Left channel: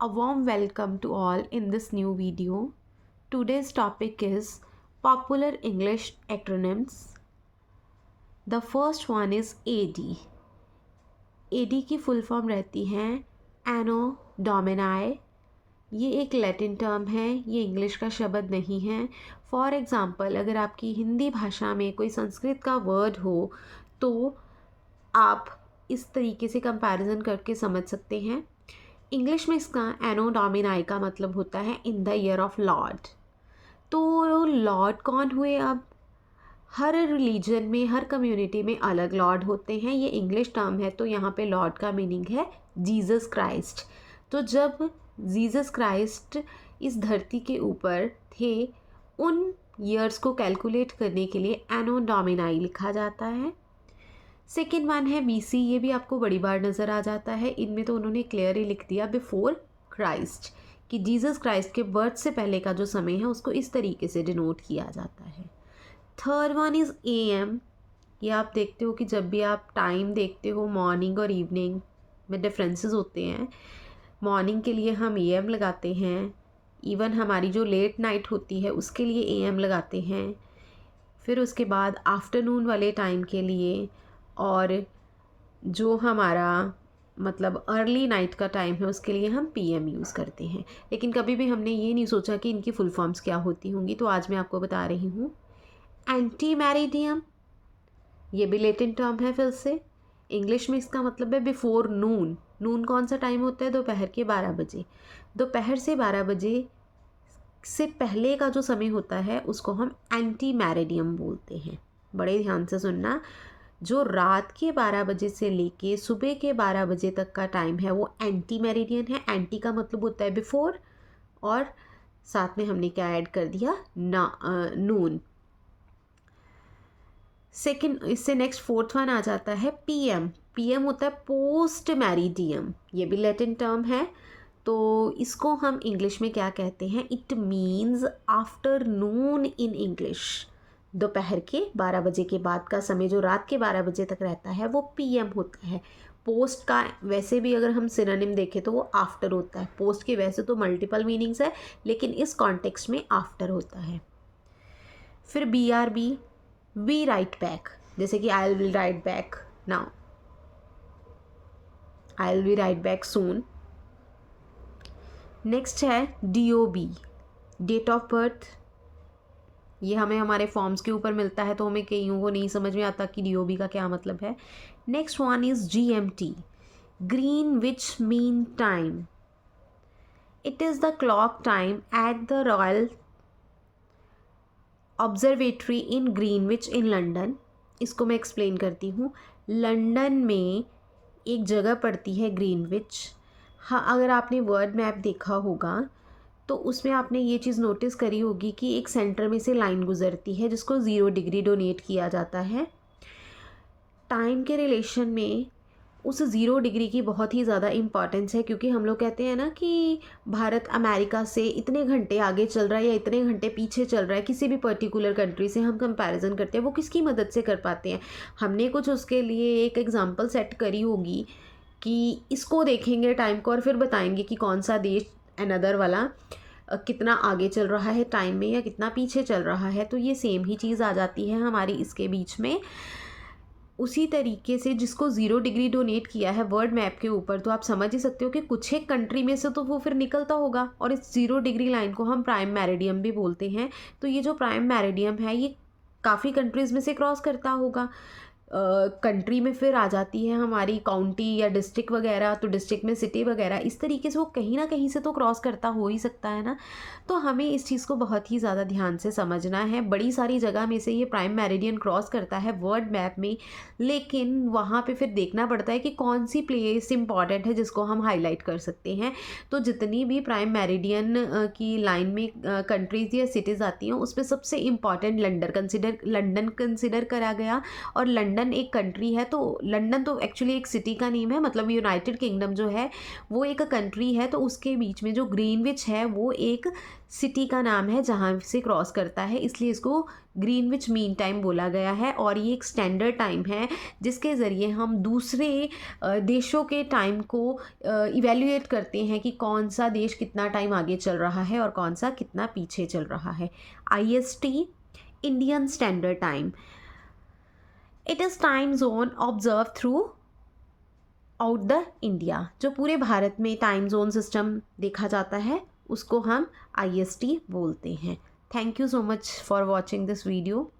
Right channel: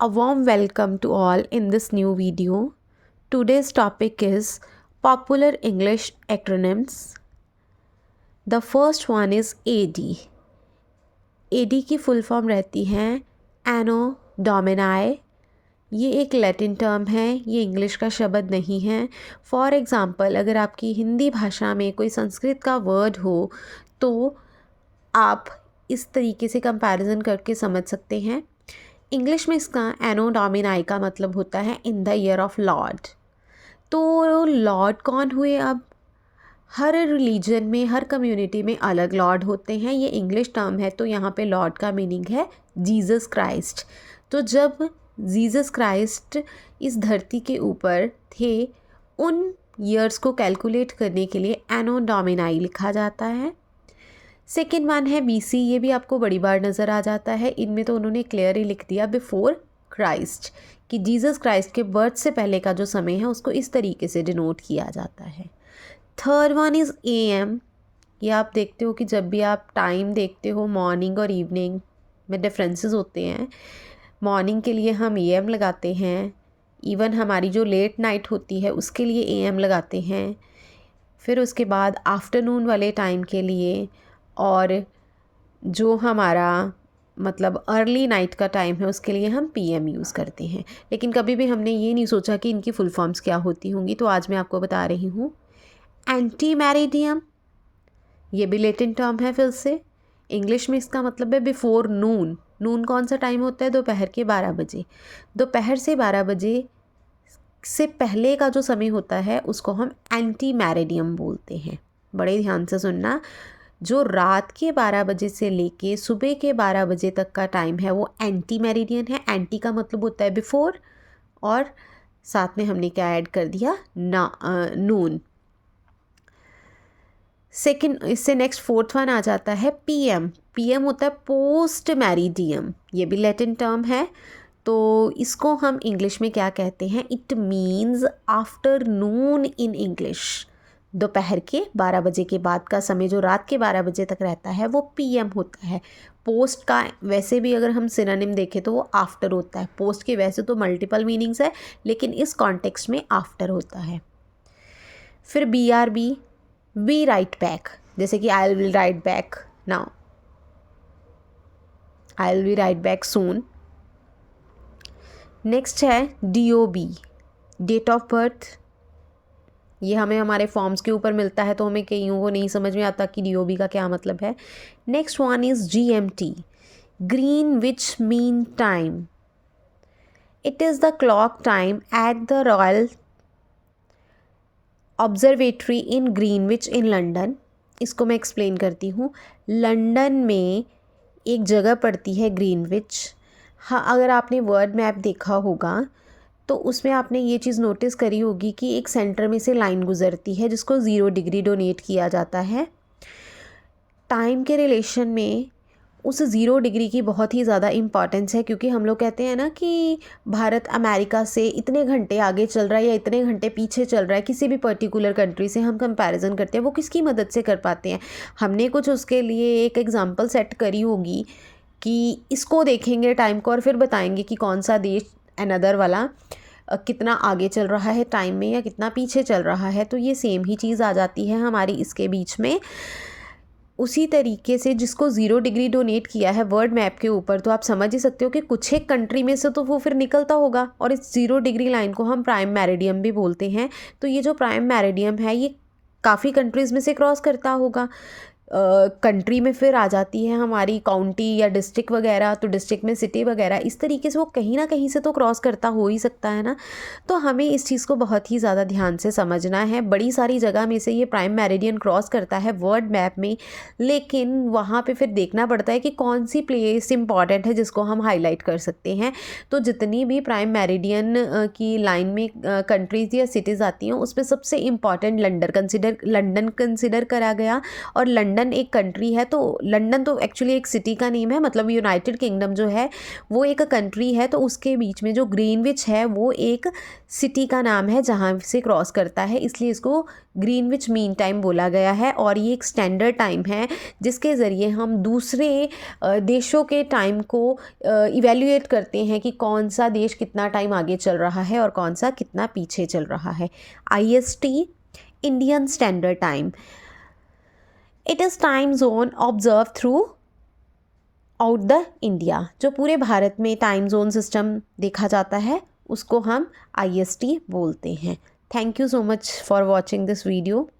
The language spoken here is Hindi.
A warm welcome to all in this new video. Today's topic is popular English acronyms. The first one is AD. AD की फुल फॉर्म रहती है एनो डोमिनाई. ये एक लैटिन टर्म है, ये इंग्लिश का शब्द नहीं है. फॉर एग्ज़ाम्पल, अगर आपकी हिंदी भाषा में कोई संस्कृत का वर्ड हो तो आप इस तरीके से कंपैरिजन करके समझ सकते हैं. इंग्लिश में इसका एनो डोमिनाई का मतलब होता है in the year of Lord. तो लॉर्ड कौन हुए? अब हर रिलीजन में, हर कम्युनिटी में अलग लॉर्ड होते हैं. ये इंग्लिश टर्म है तो यहाँ पे लॉर्ड का मीनिंग है जीसस क्राइस्ट. तो जब जीसस क्राइस्ट इस धरती के ऊपर थे, उन ईयर्स को कैलकुलेट करने के लिए एनो डोमिनाई लिखा जाता है. सेकेंड वन है BC. ये भी आपको बड़ी बार नज़र आ जाता है. इनमें तो उन्होंने क्लियर ही लिख दिया बिफोर क्राइस्ट, कि जीसस क्राइस्ट के बर्थ से पहले का जो समय है उसको इस तरीके से डिनोट किया जाता है. Third one is AM. ये आप देखते हो कि जब भी आप टाइम देखते हो, मॉर्निंग और इवनिंग में डिफरेंसेस होते हैं. मॉर्निंग के लिए हम AM लगाते हैं, इवन हमारी जो लेट नाइट होती है उसके लिए AM लगाते हैं. फिर उसके बाद आफ्टरनून वाले टाइम के लिए, और जो हमारा मतलब अर्ली नाइट का टाइम है उसके लिए हम PM यूज़ करते हैं. लेकिन कभी भी हमने ये नहीं सोचा कि इनकी फुल फॉर्म्स क्या होती होंगी, तो आज मैं आपको बता रही हूँ. एंटी मैरिडियम, ये भी लैटिन टर्म है. फिर से इंग्लिश में इसका मतलब है बिफोर नून. नून कौन सा टाइम होता है? दोपहर के 12 बजे. दोपहर से 12 बजे से पहले का जो समय होता है उसको हम एंटी मैरिडियम बोलते हैं. बड़े ध्यान से सुनना. जो रात के 12 बजे से लेके सुबह के 12 बजे तक का टाइम है वो एंटी मेरिडियन है. एंटी का मतलब होता है बिफोर, और साथ में हमने क्या ऐड कर दिया? नून. सेकंड, इससे नेक्स्ट फोर्थ वन आ जाता है PM. PM होता है पोस्ट मैरिडियम. ये भी लैटिन टर्म है. तो इसको हम इंग्लिश में क्या कहते हैं? It means afternoon in English. दोपहर के 12 बजे के बाद का समय जो रात के 12 बजे तक रहता है वो PM होता है. पोस्ट का वैसे भी अगर हम सिनोनिम देखें तो वो आफ्टर होता है. पोस्ट के वैसे तो मल्टीपल मीनिंग्स है, लेकिन इस कॉन्टेक्स्ट में आफ्टर होता है. फिर BRB, वी राइट बैक. जैसे कि I will write back now, I will be right back soon. Next है DOB, डेट ऑफ बर्थ. ये हमें हमारे फॉर्म्स के ऊपर मिलता है तो हमें कईयों को नहीं समझ में आता कि DOB का क्या मतलब है. Next one is GMT, Greenwich mean time. It is the clock time at the royal observatory in Greenwich in London. इसको मैं एक्सप्लेन करती हूँ. लंदन में एक जगह पड़ती है ग्रीनविच. हाँ, अगर आपने वर्ल्ड मैप देखा होगा तो उसमें आपने ये चीज़ नोटिस करी होगी कि एक सेंटर में से लाइन गुजरती है जिसको 0 डिग्री डोनेट किया जाता है. टाइम के रिलेशन में उस 0 डिग्री की बहुत ही ज़्यादा इम्पॉर्टेंस है, क्योंकि हम लोग कहते हैं ना कि भारत अमेरिका से इतने घंटे आगे चल रहा है या इतने घंटे पीछे चल रहा है. किसी भी पर्टिकुलर कंट्री से हम कंपैरिजन करते हैं, वो किसकी मदद से कर पाते हैं? हमने कुछ उसके लिए एक एग्जांपल सेट करी होगी कि इसको देखेंगे टाइम को और फिर बताएंगे कि कौन सा देश अनदर वाला कितना आगे चल रहा है टाइम में या कितना पीछे चल रहा है. तो ये सेम ही चीज़ आ जाती है हमारी इसके बीच में. उसी तरीके से जिसको 0 डिग्री डोनेट किया है वर्ल्ड मैप के ऊपर, तो आप समझ ही सकते हो कि कुछ एक कंट्री में से तो वो फिर निकलता होगा, और इस 0 डिग्री लाइन को हम प्राइम मेरिडियम भी बोलते हैं. तो ये जो प्राइम मेरिडियम है ये काफ़ी कंट्रीज़ में से क्रॉस करता होगा. कंट्री में फिर आ जाती है हमारी काउंटी या डिस्ट्रिक्ट वगैरह, तो डिस्ट्रिक्ट में सिटी वगैरह. इस तरीके से वो कहीं ना कहीं से तो क्रॉस करता हो ही सकता है ना. तो हमें इस चीज़ को बहुत ही ज़्यादा ध्यान से समझना है. बड़ी सारी जगह में से ये प्राइम मेरिडियन क्रॉस करता है वर्ल्ड मैप में, लेकिन वहाँ पे फिर देखना पड़ता है कि कौन सी प्लेस इंपॉर्टेंट है जिसको हम हाईलाइट कर सकते हैं. तो जितनी भी प्राइम मेरिडियन की लाइन में कंट्रीज़ या सिटीज़ आती हैं उसमें सबसे इम्पॉर्टेंट लंदन कंसिडर करा गया. और लंदन लंदन एक कंट्री है, तो लंदन तो एक्चुअली एक सिटी का नेम है, मतलब यूनाइटेड किंगडम जो है वो एक कंट्री है, तो उसके बीच में जो ग्रीनविच है वो एक सिटी का नाम है जहाँ से क्रॉस करता है, इसलिए इसको ग्रीनविच मीन टाइम बोला गया है। और ये एक स्टैंडर्ड टाइम है जिसके ज़रिए हम दूसरे देशों के टाइम को इवेल्युएट करते हैं कि कौन सा देश कितना टाइम आगे चल रहा है और कौन सा कितना पीछे चल रहा है। IST, Indian standard time. It is time zone observe through out the India. जो पूरे भारत में टाइम जोन सिस्टम देखा जाता है उसको हम IST बोलते हैं। Thank you so much for watching this video.